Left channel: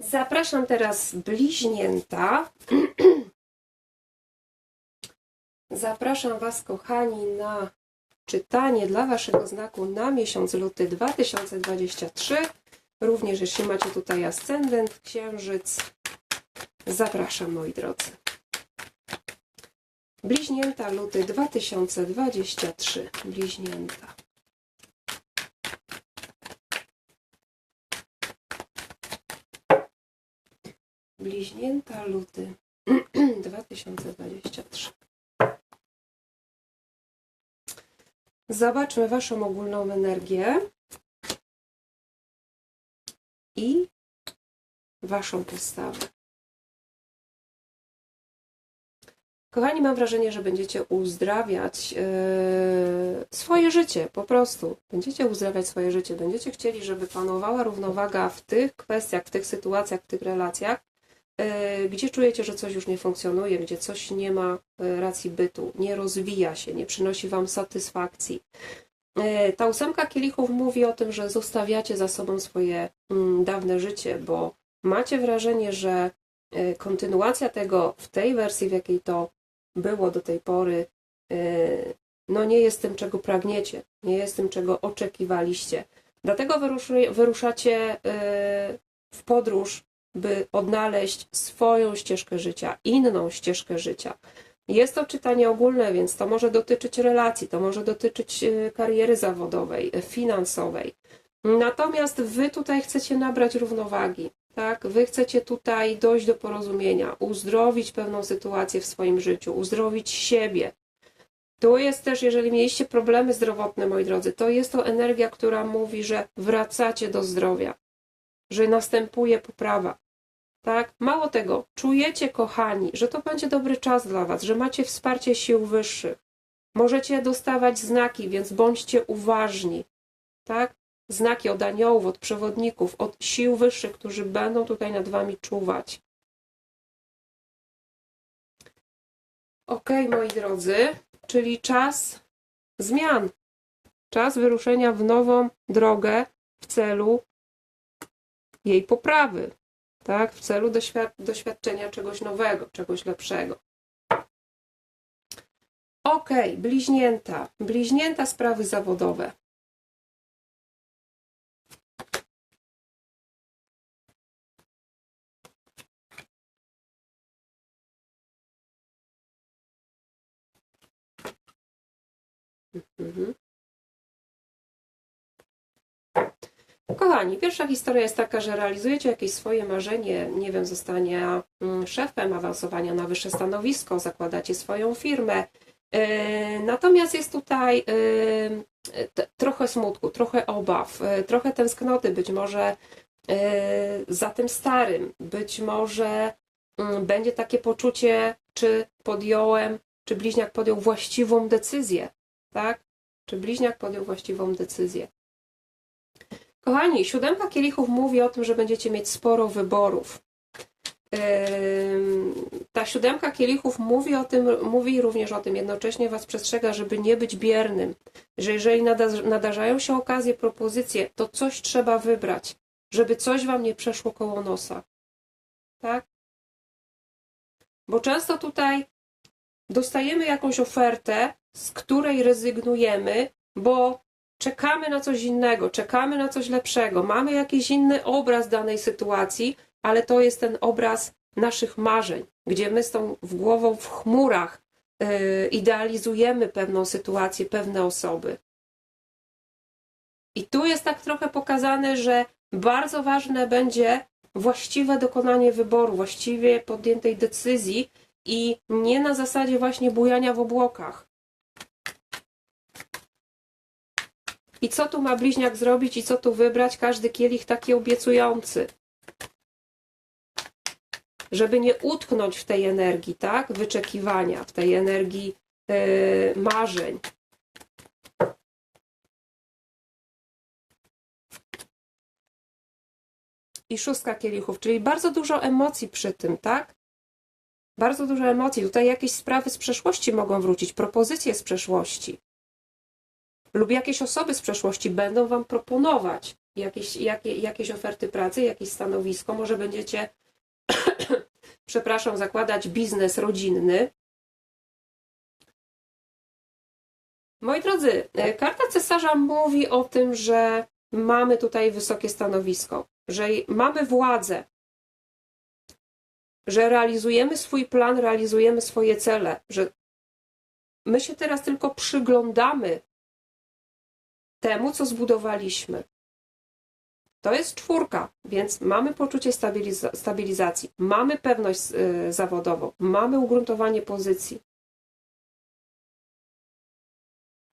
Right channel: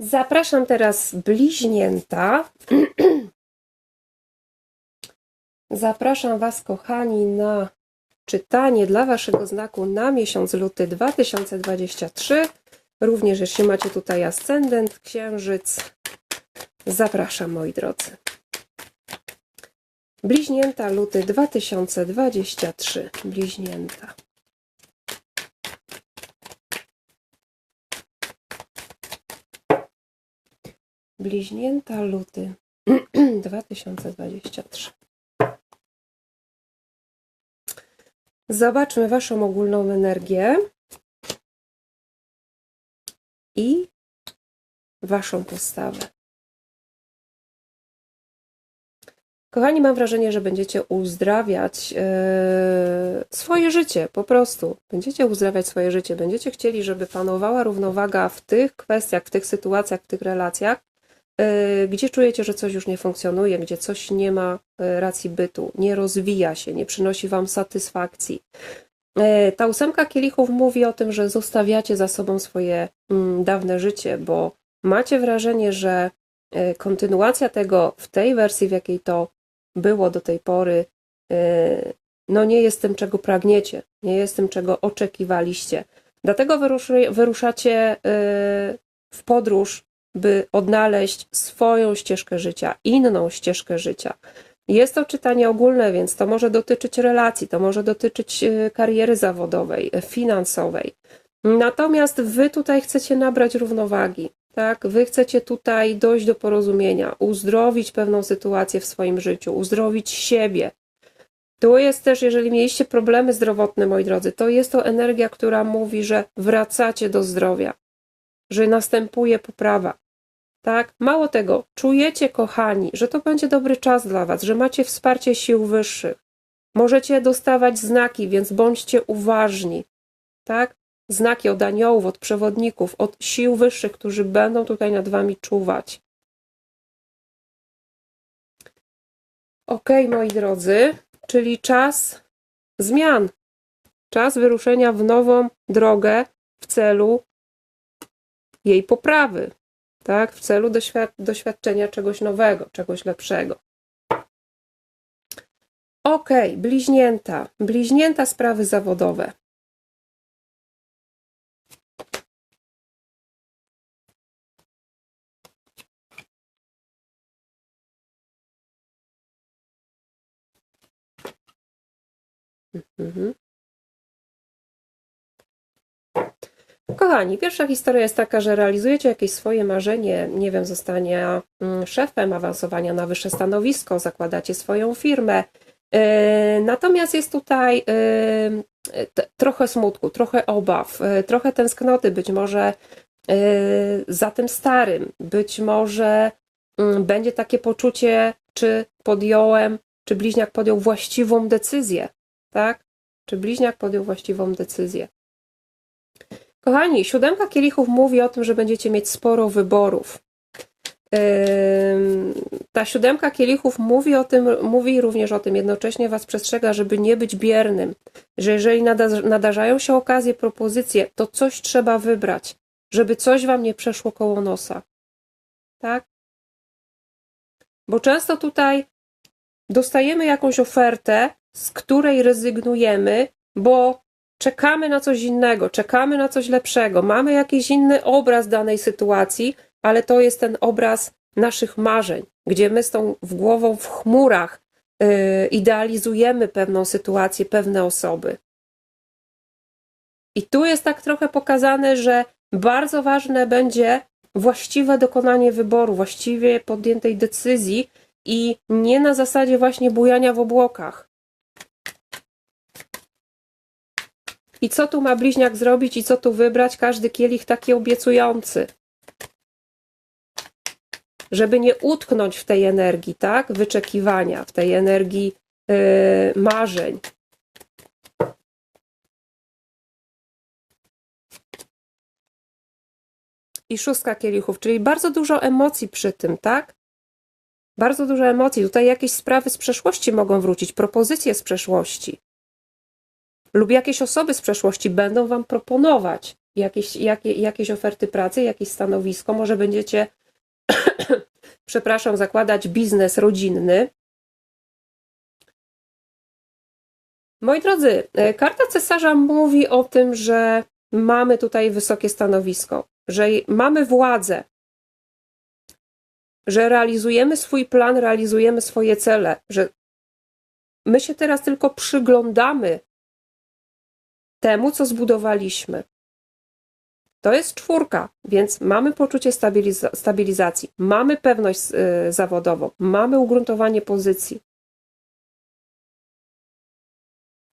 Zapraszam teraz bliźnięta. Zapraszam Was, kochani, na czytanie dla Waszego znaku na miesiąc luty 2023. Również, jeśli macie tutaj ascendent, księżyc, zapraszam, moi drodzy. Bliźnięta luty 2023. Bliźnięta. Bliźnięta luty 2023. Zobaczmy Waszą ogólną energię i Waszą postawę. Kochani, mam wrażenie, że będziecie uzdrawiać e, swoje życie, po prostu. Będziecie uzdrawiać swoje życie, będziecie chcieli, żeby panowała równowaga w tych kwestiach, w tych sytuacjach, w tych relacjach, gdzie czujecie, że coś już nie funkcjonuje, gdzie coś nie ma e, racji bytu, nie rozwija się, nie przynosi Wam satysfakcji. E, Ta ósemka kielichów mówi o tym, że zostawiacie za sobą swoje mm, dawne życie, bo macie wrażenie, że e, kontynuacja tego w tej wersji, w jakiej to było do tej pory, e, no nie jest tym, czego pragniecie, nie jest tym, czego oczekiwaliście. Dlatego wyruszacie e, w podróż, by odnaleźć swoją ścieżkę życia, inną ścieżkę życia. Jest to czytanie ogólne, więc to może dotyczyć relacji, to może dotyczyć e, kariery zawodowej, e, finansowej. Natomiast wy tutaj chcecie nabrać równowagi, tak? Wy chcecie tutaj dojść do porozumienia, uzdrowić pewną sytuację w swoim życiu, uzdrowić siebie. Tu jest też, jeżeli mieliście problemy zdrowotne, moi drodzy, to jest to energia, która mówi, że wracacie do zdrowia, że następuje poprawa. Tak? Mało tego, czujecie, kochani, że to będzie dobry czas dla Was, że macie wsparcie sił wyższych. Możecie dostawać znaki, więc bądźcie uważni. Tak? Znaki od aniołów, od przewodników, od sił wyższych, którzy będą tutaj nad Wami czuwać. Ok, moi drodzy, czyli czas zmian. Czas wyruszenia w nową drogę w celu jej poprawy tak? W celu doświad doświadczenia czegoś nowego, czegoś lepszego. Ok, bliźnięta. Bliźnięta sprawy zawodowe. Mhm. Kochani, pierwsza historia jest taka, że realizujecie jakieś swoje marzenie, nie wiem, zostania mm, szefem, awansowania na wyższe stanowisko, zakładacie swoją firmę. Yy, Natomiast jest tutaj yy, trochę smutku, trochę obaw, yy, trochę tęsknoty, być może za tym starym, być może mm, będzie takie poczucie, czy podjąłem, czy bliźniak podjął właściwą decyzję, tak? Czy bliźniak podjął właściwą decyzję. Kochani, siódemka kielichów mówi o tym, że będziecie mieć sporo wyborów. Ta siódemka kielichów mówi o tym, mówi również o tym, jednocześnie Was przestrzega, żeby nie być biernym, że jeżeli nada- nadarzają się okazje, propozycje, to coś trzeba wybrać, żeby coś Wam nie przeszło koło nosa. Tak? Bo często tutaj dostajemy jakąś ofertę, z której rezygnujemy, bo czekamy na coś innego, czekamy na coś lepszego, mamy jakiś inny obraz danej sytuacji, ale to jest ten obraz naszych marzeń, gdzie my z tą w głową w chmurach yy, idealizujemy pewną sytuację, pewne osoby. I tu jest tak trochę pokazane, że bardzo ważne będzie właściwe dokonanie wyboru, właściwie podjętej decyzji i nie na zasadzie właśnie bujania w obłokach. I co tu ma bliźniak zrobić i co tu wybrać? Każdy kielich taki obiecujący. Żeby nie utknąć w tej energii, tak? Wyczekiwania, w tej energii yy, marzeń. I szóstka kielichów, czyli bardzo dużo emocji przy tym, tak? Bardzo dużo emocji. Tutaj jakieś sprawy z przeszłości mogą wrócić, propozycje z przeszłości lub jakieś osoby z przeszłości będą Wam proponować jakieś, jakie, jakieś oferty pracy, jakieś stanowisko, może będziecie, przepraszam, zakładać biznes rodzinny. Moi drodzy, e, karta cesarza mówi o tym, że mamy tutaj wysokie stanowisko, że mamy władzę, że realizujemy swój plan, realizujemy swoje cele, że my się teraz tylko przyglądamy temu, co zbudowaliśmy. To jest czwórka, więc mamy poczucie stabiliza- stabilizacji, mamy pewność y, zawodową, mamy ugruntowanie pozycji.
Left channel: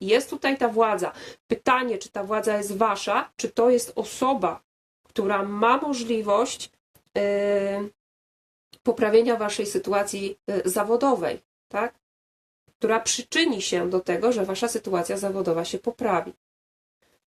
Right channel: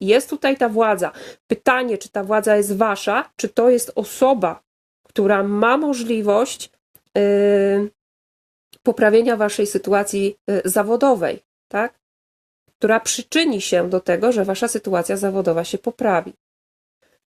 Jest tutaj ta władza. Pytanie, czy ta władza jest wasza, czy to jest osoba, która ma możliwość y, poprawienia waszej sytuacji y, zawodowej, tak? Która przyczyni się do tego, że wasza sytuacja zawodowa się poprawi.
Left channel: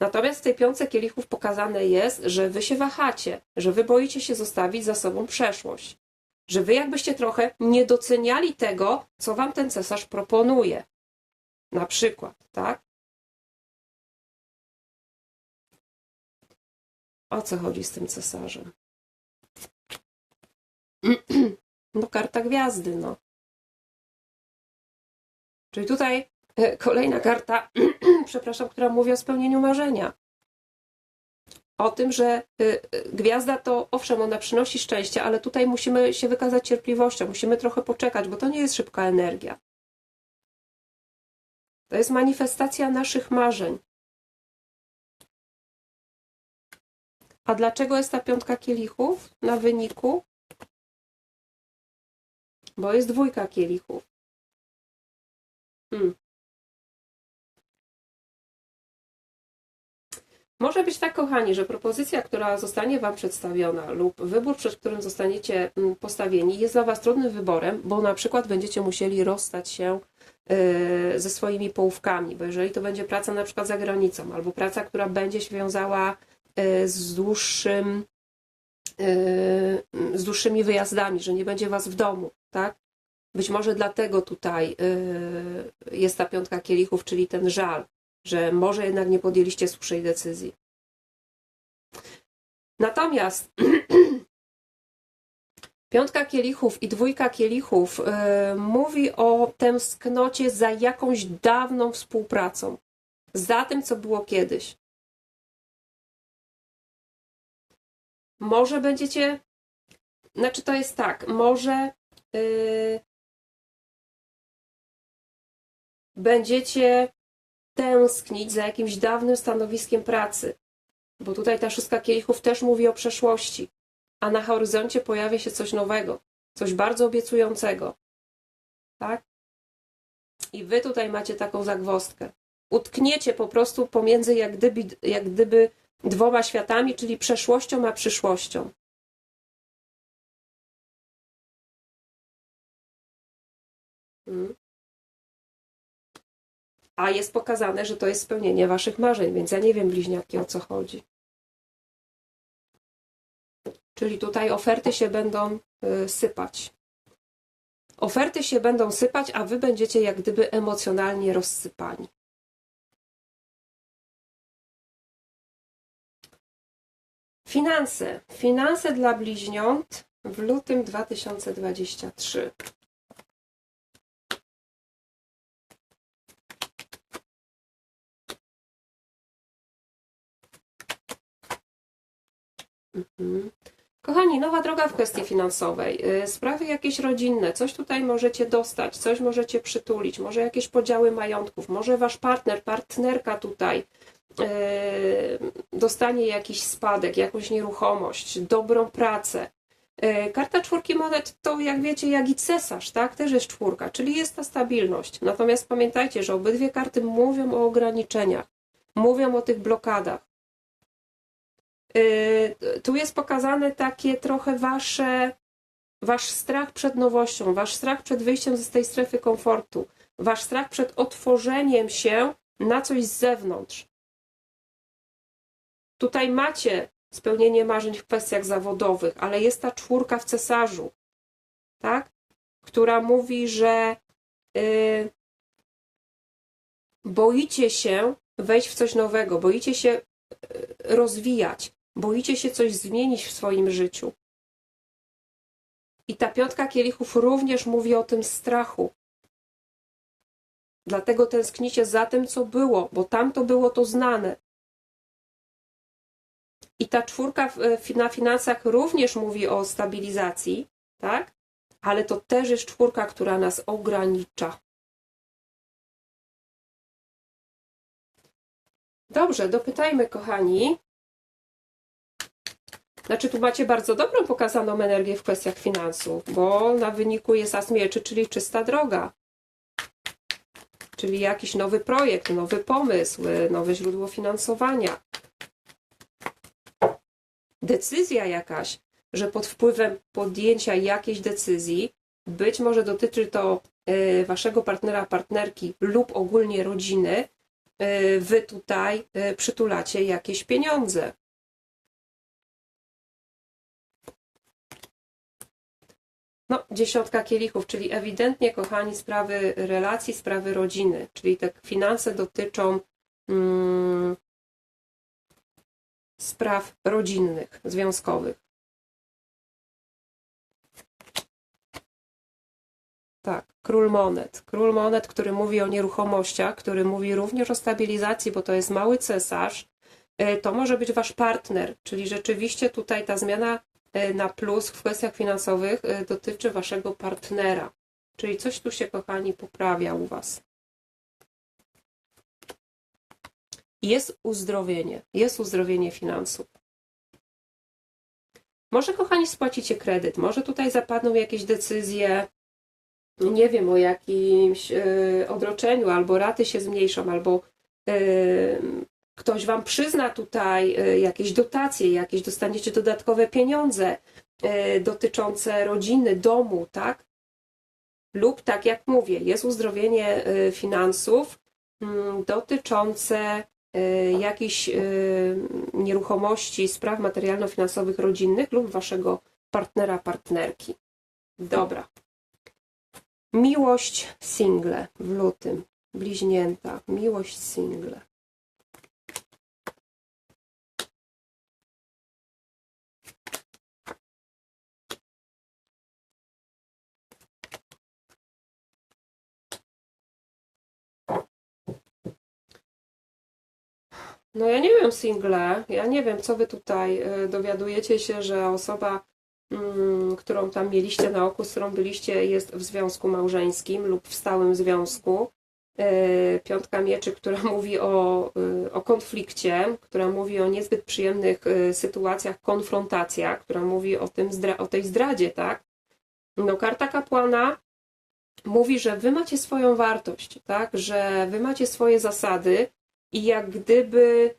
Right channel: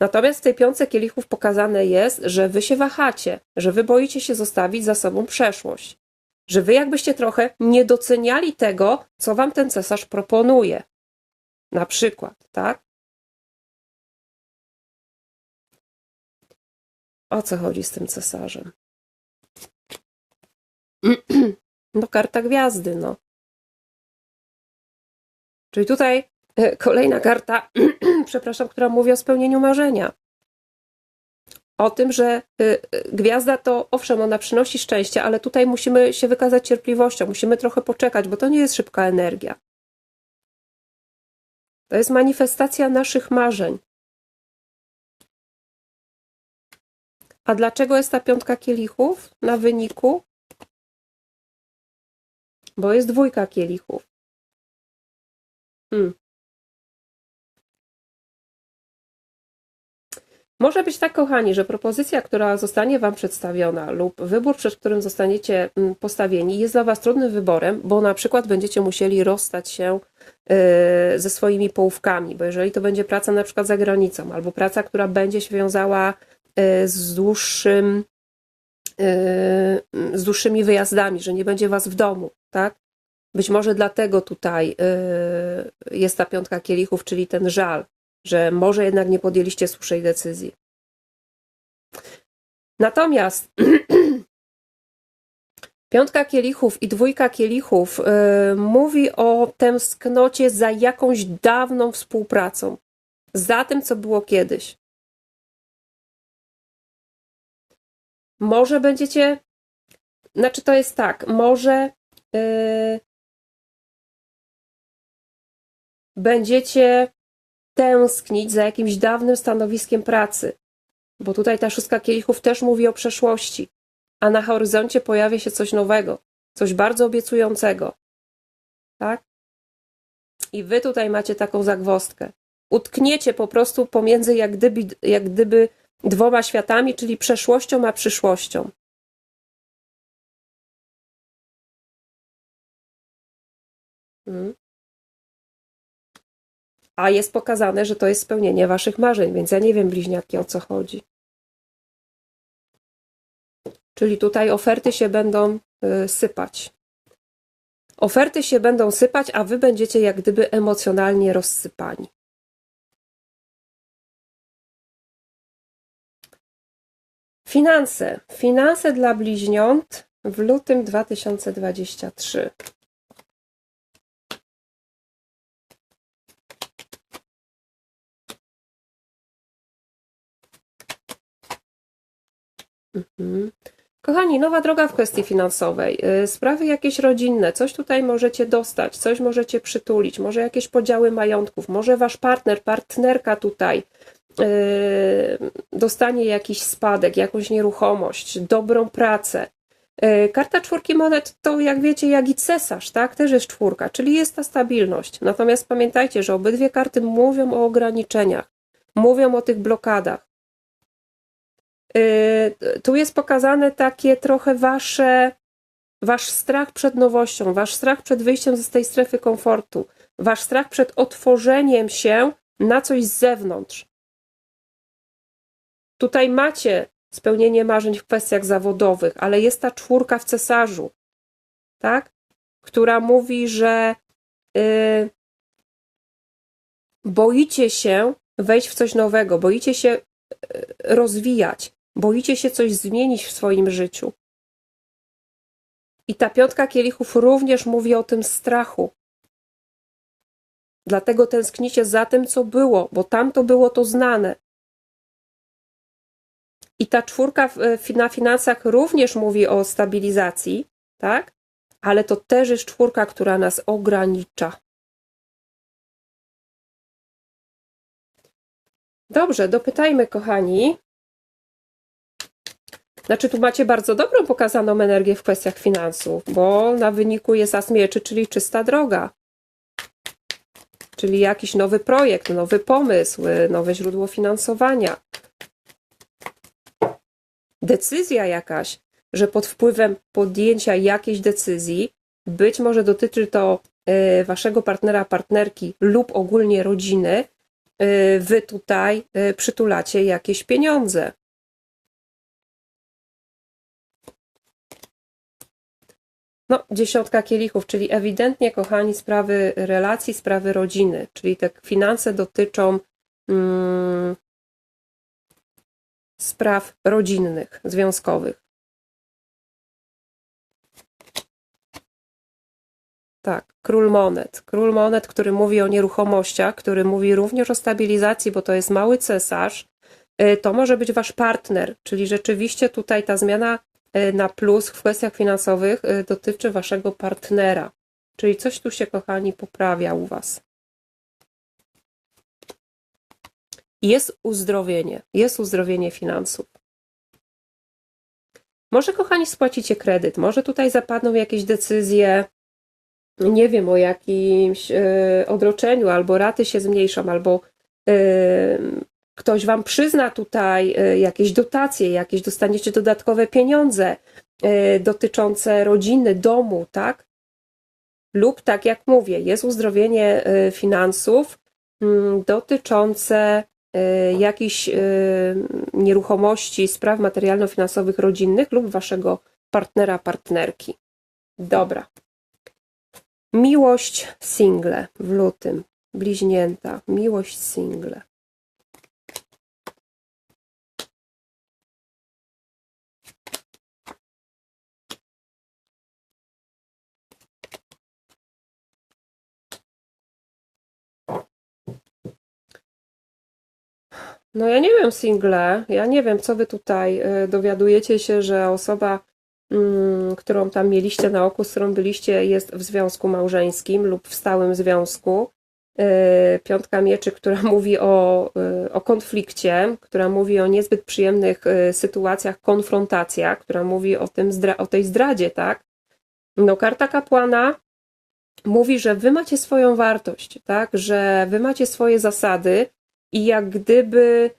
Natomiast w tej piątce kielichów pokazane jest, że wy się wahacie, że wy boicie się zostawić za sobą przeszłość, że wy jakbyście trochę nie doceniali tego, co wam ten cesarz proponuje. Na przykład, tak? O co chodzi z tym cesarzem? No, karta gwiazdy, no. Czyli tutaj e, kolejna karta, przepraszam, która mówi o spełnieniu marzenia. O tym, że e, e, gwiazda to, owszem, ona przynosi szczęście, ale tutaj musimy się wykazać cierpliwością, musimy trochę poczekać, bo to nie jest szybka energia. To jest manifestacja naszych marzeń. A dlaczego jest ta piątka kielichów na wyniku? Bo jest dwójka kielichów. Hmm. Może być tak, kochani, że propozycja, która zostanie Wam przedstawiona lub wybór, przed którym zostaniecie mm, postawieni, jest dla Was trudnym wyborem, bo na przykład będziecie musieli rozstać się y, ze swoimi połówkami, bo jeżeli to będzie praca na przykład za granicą, albo praca, która będzie się wiązała y, z dłuższym, y, z dłuższymi wyjazdami, że nie będzie Was w domu, tak? Być może dlatego tutaj jest ta piątka kielichów, czyli ten żal, że może jednak nie podjęliście słusznej decyzji. Natomiast piątka kielichów i dwójka kielichów yy, mówi o tęsknocie za jakąś dawną współpracą, za tym, co było kiedyś. Może będziecie, znaczy to jest tak, może yy, będziecie tęsknić za jakimś dawnym stanowiskiem pracy, bo tutaj ta szóstka kielichów też mówi o przeszłości, a na horyzoncie pojawia się coś nowego, coś bardzo obiecującego. Tak? I wy tutaj macie taką zagwostkę. Utkniecie po prostu pomiędzy jak gdyby, jak gdyby dwoma światami, czyli przeszłością a przyszłością. Hmm a jest pokazane, że to jest spełnienie waszych marzeń, więc ja nie wiem, bliźniaki, o co chodzi. Czyli tutaj oferty się będą y, sypać. Oferty się będą sypać, a wy będziecie jak gdyby emocjonalnie rozsypani. Finanse. Finanse dla bliźniąt w lutym 2023. Mhm. Kochani, nowa droga w kwestii finansowej, y, sprawy jakieś rodzinne, coś tutaj możecie dostać, coś możecie przytulić, może jakieś podziały majątków, może wasz partner, partnerka tutaj y, dostanie jakiś spadek, jakąś nieruchomość, dobrą pracę. Y, karta czwórki monet to, jak wiecie, jak i cesarz, tak? Też jest czwórka, czyli jest ta stabilność. Natomiast pamiętajcie, że obydwie karty mówią o ograniczeniach, mówią o tych blokadach. Y, tu jest pokazane takie trochę wasze, wasz strach przed nowością, wasz strach przed wyjściem z tej strefy komfortu, wasz strach przed otworzeniem się na coś z zewnątrz. Tutaj macie spełnienie marzeń w kwestiach zawodowych, ale jest ta czwórka w cesarzu, tak? Która mówi, że yy, boicie się wejść w coś nowego, boicie się rozwijać, boicie się coś zmienić w swoim życiu. I ta piątka kielichów również mówi o tym strachu. Dlatego tęsknicie za tym, co było, bo tam to było to znane. I ta czwórka na finansach również mówi o stabilizacji, tak? Ale to też jest czwórka, która nas ogranicza. Dobrze, dopytajmy, kochani. Znaczy, tu macie bardzo dobrą pokazaną energię w kwestiach finansów, bo na wyniku jest as mieczy, czyli czysta droga. Czyli jakiś nowy projekt, nowy pomysł, nowe źródło finansowania. Decyzja jakaś, że pod wpływem podjęcia jakiejś decyzji, być może dotyczy to e, waszego partnera, partnerki lub ogólnie rodziny, e, wy tutaj e, przytulacie jakieś pieniądze. No, dziesiątka kielichów, czyli ewidentnie, kochani, sprawy relacji, sprawy rodziny, czyli te finanse dotyczą mm, spraw rodzinnych, związkowych. Tak, król monet. Król monet, który mówi o nieruchomościach, który mówi również o stabilizacji, bo to jest mały cesarz. Y, to może być wasz partner, czyli rzeczywiście tutaj ta zmiana na plus w kwestiach finansowych y, dotyczy waszego partnera. Czyli coś tu się, kochani, poprawia u was. Jest uzdrowienie, jest uzdrowienie finansów. Może, kochani, spłacicie kredyt, może tutaj zapadną jakieś decyzje, nie wiem, o jakimś y, odroczeniu, albo raty się zmniejszą, albo ktoś wam przyzna tutaj y, jakieś dotacje, jakieś dostaniecie dodatkowe pieniądze dotyczące rodziny, domu, tak? Lub tak jak mówię, jest uzdrowienie finansów mm, dotyczące jakichś nieruchomości, spraw materialno-finansowych rodzinnych lub waszego partnera, partnerki. Dobra. Miłość single w lutym. Bliźnięta. Miłość single. No ja nie wiem, single, ja nie wiem, co wy tutaj y, dowiadujecie się, że osoba Mm, którą tam mieliście na oku, z którą byliście, jest w związku małżeńskim lub w stałym związku. E, piątka mieczy, która mówi o, e, o konflikcie, która mówi o niezbyt przyjemnych sytuacjach, konfrontacjach, która mówi o, tym, o tej zdradzie, tak? No, karta kapłana mówi, że wy macie swoją wartość, tak? Że wy macie swoje zasady i jak gdyby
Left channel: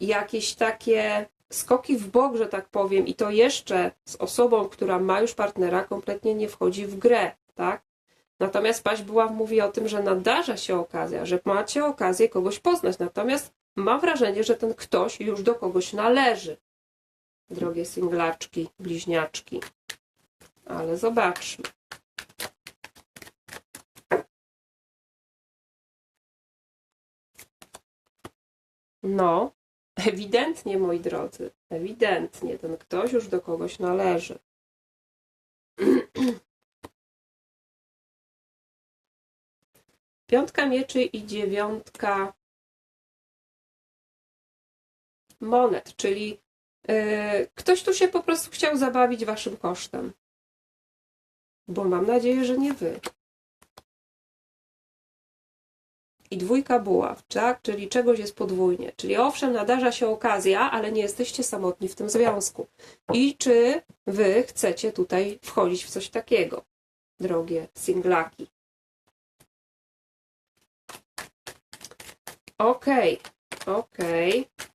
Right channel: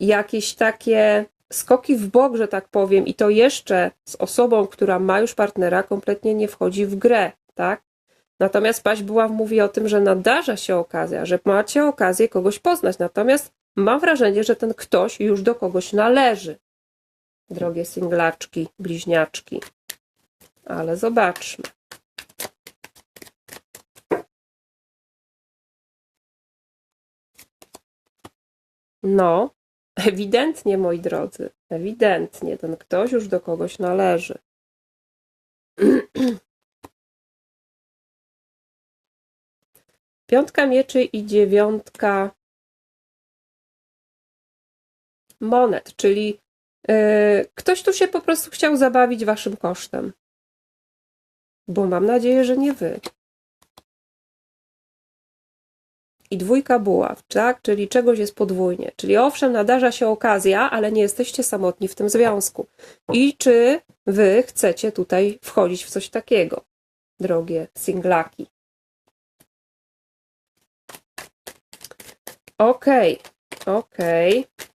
jakieś takie skoki w bok, że tak powiem, i to jeszcze z osobą, która ma już partnera, kompletnie nie wchodzi w grę, tak? Natomiast Paś była mówi o tym, że nadarza się okazja, że macie okazję kogoś poznać. Natomiast mam wrażenie, że ten ktoś już do kogoś należy. Drogie singlaczki, bliźniaczki. Ale zobaczmy. No, Ewidentnie, moi drodzy, ewidentnie ten ktoś już do kogoś należy. Piątka mieczy i dziewiątka monet, czyli yy, ktoś tu się po prostu chciał zabawić waszym kosztem. Bo mam nadzieję, że nie wy. I dwójka buław, tak? Czyli czegoś jest podwójnie. Czyli owszem, nadarza się okazja, ale nie jesteście samotni w tym związku. I czy wy chcecie tutaj wchodzić w coś takiego, drogie singlaki? Okej, okay, okej. Okay.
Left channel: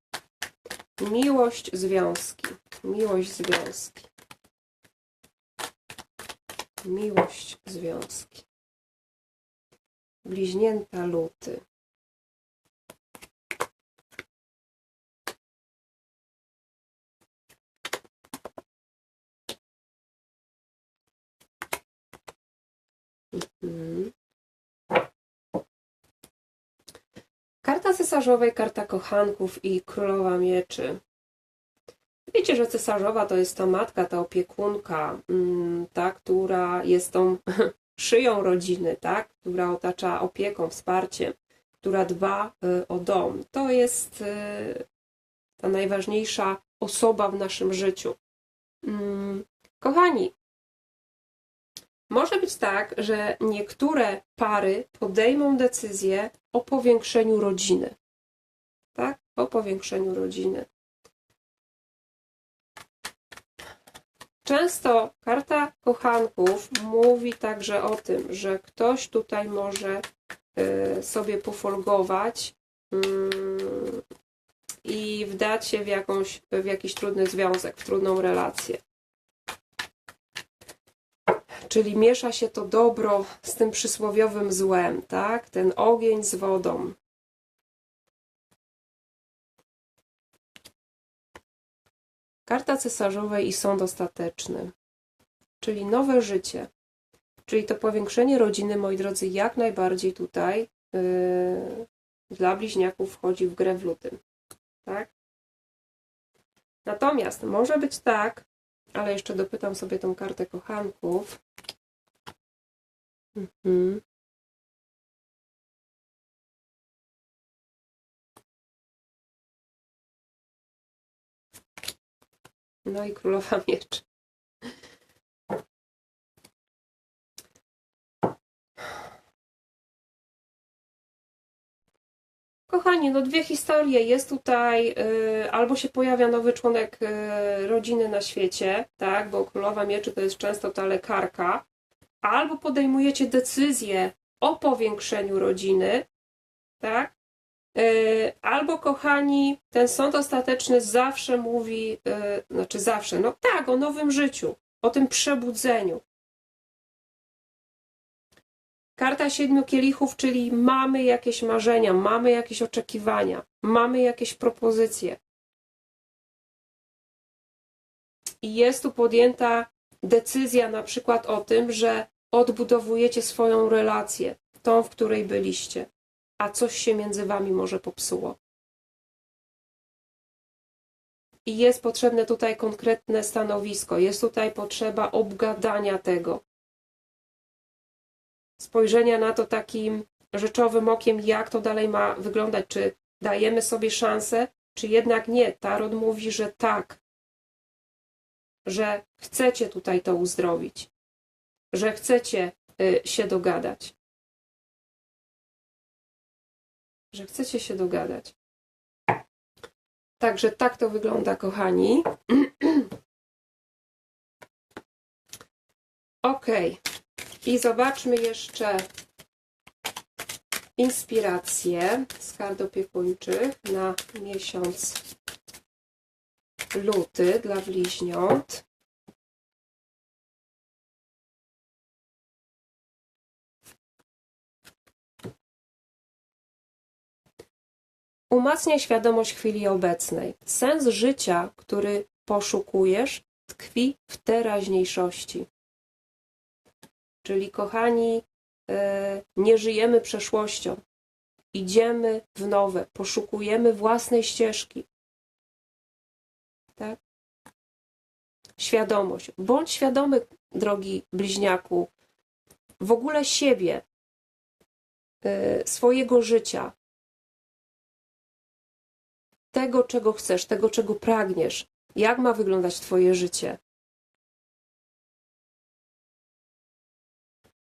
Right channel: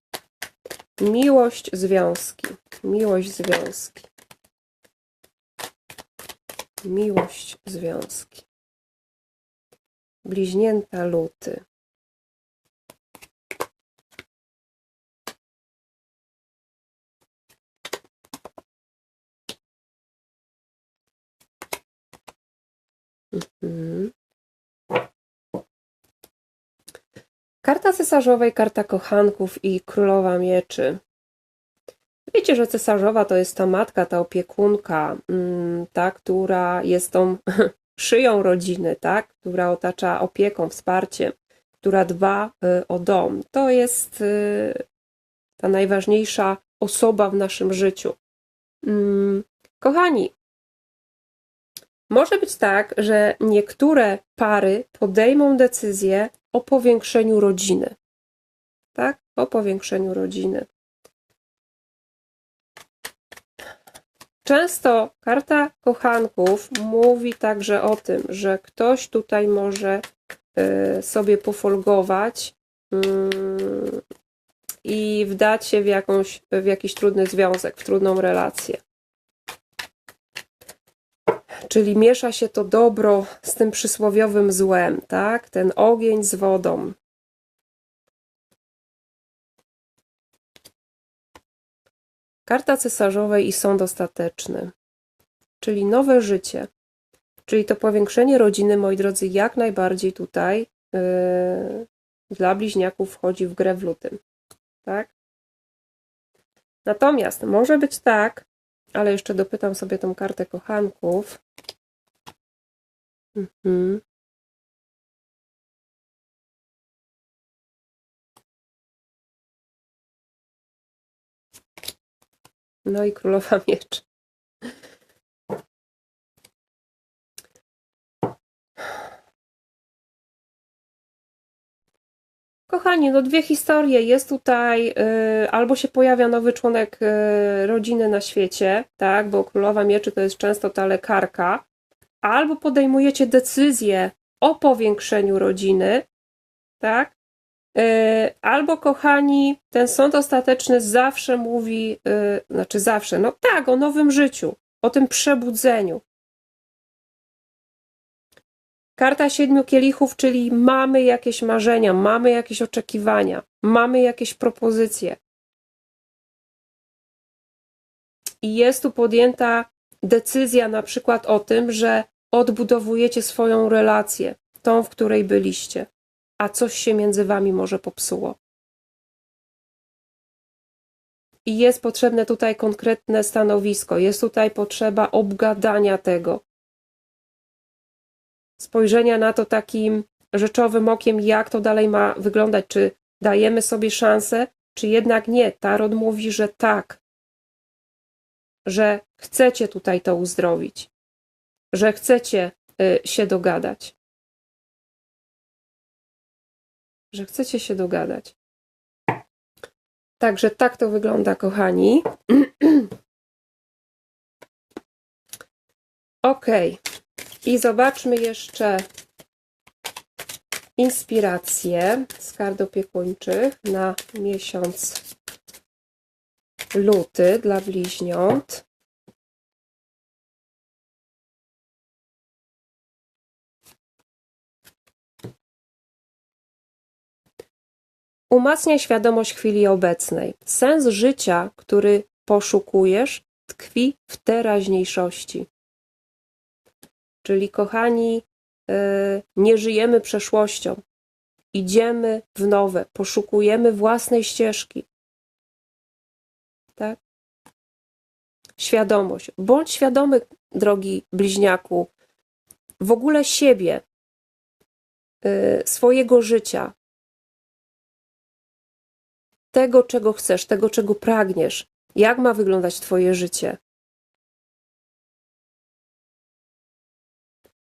Miłość związki. Miłość związki. Miłość związki. Bliźnięta luty. Mhm. Karta cesarzowej, karta kochanków i królowa mieczy. Wiecie, że cesarzowa to jest ta matka, ta opiekunka, mm, ta, która jest tą szyją rodziny, tak? która otacza opieką, wsparciem, która dba y, o dom. To jest y, ta najważniejsza osoba w naszym życiu. Mm, Kochani, może być tak, że niektóre pary podejmą decyzję o powiększeniu rodziny. Tak? O powiększeniu rodziny. Często karta kochanków mówi także o tym, że ktoś tutaj może y, sobie pofolgować mm, i wdać się w, jakąś, w jakiś trudny związek, w trudną relację. Czyli miesza się to dobro z tym przysłowiowym złem, tak? Ten ogień z wodą. Karta cesarzowej i sąd ostateczny, czyli nowe życie, czyli to powiększenie rodziny, moi drodzy, jak najbardziej tutaj yy, dla bliźniaków wchodzi w grę w lutym. Tak? Natomiast może być tak, ale jeszcze dopytam sobie tą kartę kochanków. Mhm. No i królowa mieczy. Kochani, no dwie historie. Jest tutaj, y, albo się pojawia nowy członek y, rodziny na świecie, tak, bo królowa mieczy to jest często ta lekarka, albo podejmujecie decyzję o powiększeniu rodziny, tak, albo kochani, ten sąd ostateczny zawsze mówi, y, znaczy zawsze, no tak, o nowym życiu, o tym przebudzeniu. Karta siedmiu kielichów, czyli mamy jakieś marzenia, mamy jakieś oczekiwania, mamy jakieś propozycje. I jest tu podjęta decyzja na przykład o tym, że odbudowujecie swoją relację, tą, w której byliście, a coś się między wami może popsuło. I jest potrzebne tutaj konkretne stanowisko, jest tutaj potrzeba obgadania tego, spojrzenia na to takim rzeczowym okiem, jak to dalej ma wyglądać, czy dajemy sobie szansę, czy jednak nie. Tarot mówi, że tak, że chcecie tutaj to uzdrowić, że chcecie y, się dogadać. Że chcecie się dogadać. Także tak to wygląda, kochani. Ok. I zobaczmy jeszcze inspiracje z kart opiekuńczych na miesiąc luty dla bliźniąt. Umacnia świadomość chwili obecnej. Sens życia, który poszukujesz, tkwi w teraźniejszości. Czyli, kochani, y, nie żyjemy przeszłością. Idziemy w nowe, poszukujemy własnej ścieżki. Tak? Świadomość. Bądź świadomy, drogi bliźniaku, w ogóle siebie, y, swojego życia, tego, czego chcesz, tego, czego pragniesz. Jak ma wyglądać Twoje życie?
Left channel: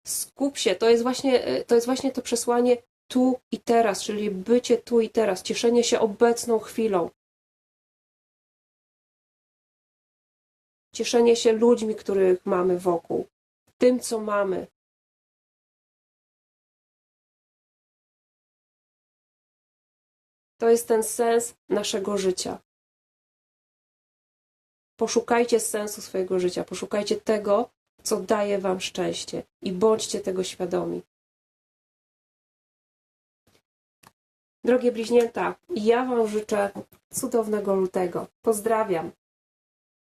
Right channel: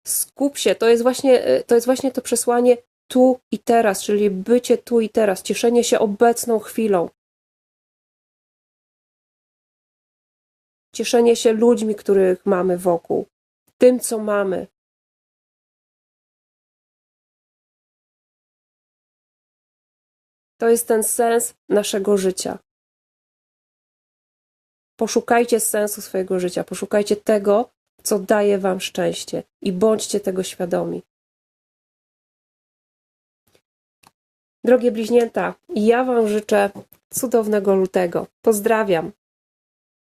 skup się, to jest właśnie y, to, jest właśnie to przesłanie tu i teraz, czyli bycie tu i teraz, cieszenie się obecną chwilą. Cieszenie się ludźmi, których mamy wokół, tym, co mamy. To jest ten sens naszego życia. Poszukajcie sensu swojego życia, poszukajcie tego, co daje Wam szczęście i bądźcie tego świadomi. Drogie bliźnięta, ja Wam życzę cudownego lutego. Pozdrawiam.